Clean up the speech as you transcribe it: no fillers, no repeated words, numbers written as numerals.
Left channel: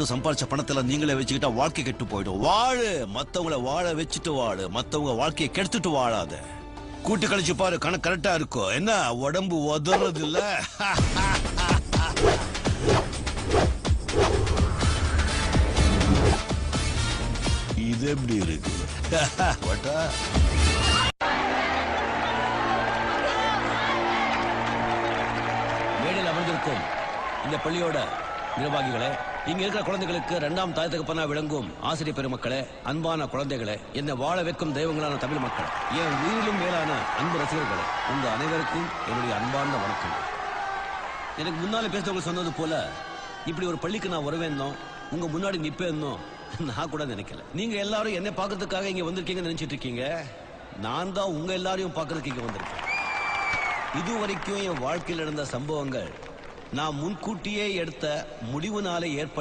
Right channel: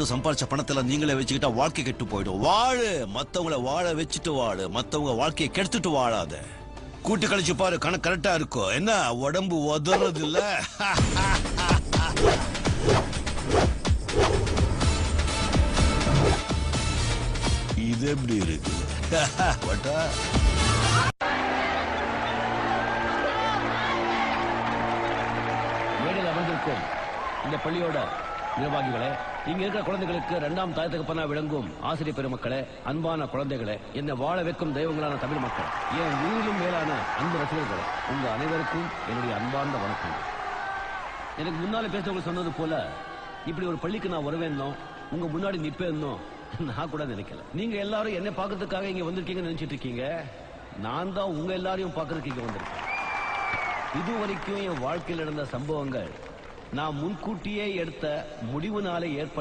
சம்பாதிச்ச பணத்துல நீங்களே வச்சுக்கிட்டா வாழ்க்கை கெட்டு போயிடும். வாழு, மத்தவங்கள வாழ வச்சுட்டு வாழு, மத்தவங்க வாழ்க்கையை கெடுத்துட்டு வாழாத. கூட்டி கழிச்சு பாரு, கணக்கு கரெக்டா இருக்கும். என்ன உடம்பு உதறது இல்ல? இது எப்படி இருக்கு? மேடையில் அமர்ந்திருக்கும் இந்த பள்ளியோட நிர்வாகிகளே, இங்க இருக்கிற குழந்தைகளுக்கு இரண்டாம் தாய் தகப்பனா விளங்கும் ஆசிரியர் பெருமக்களே, அன்பான குழந்தைகளே, என்னை வாழ வைக்கும் தெய்வங்களான தமிழ் மக்களே, என் உயிரிலும் மேலான அன்பு ரசிகர்களே, உங்க அனைவருக்கும் என்னுடைய அன்பார்ந்த வணக்கம். எனக்கு முன்னால பேசுறவங்க சொன்னது போல இப்படி ஒரு பள்ளிக்கு நான் வருவேன்னோ உங்க முன்னாடி நிப்பேன்னோ நான் கூட நினைக்கல. நீங்க எல்லாரும் என்ன பாக்குறதுக்காக இங்க வந்திருக்கீங்கன்னு நினைச்சிட்டு இருக்கீங்க. நான் தான் உங்க எல்லாரையும் பாக்குறதுக்கு இங்க வந்திருக்கேன். இது வரைக்கும் என் வாழ்க்கையில் நடந்த சம்பவங்கள் நான் முன்கூட்டியே எடுத்த முடிவுனாலே ஏற்பட்ட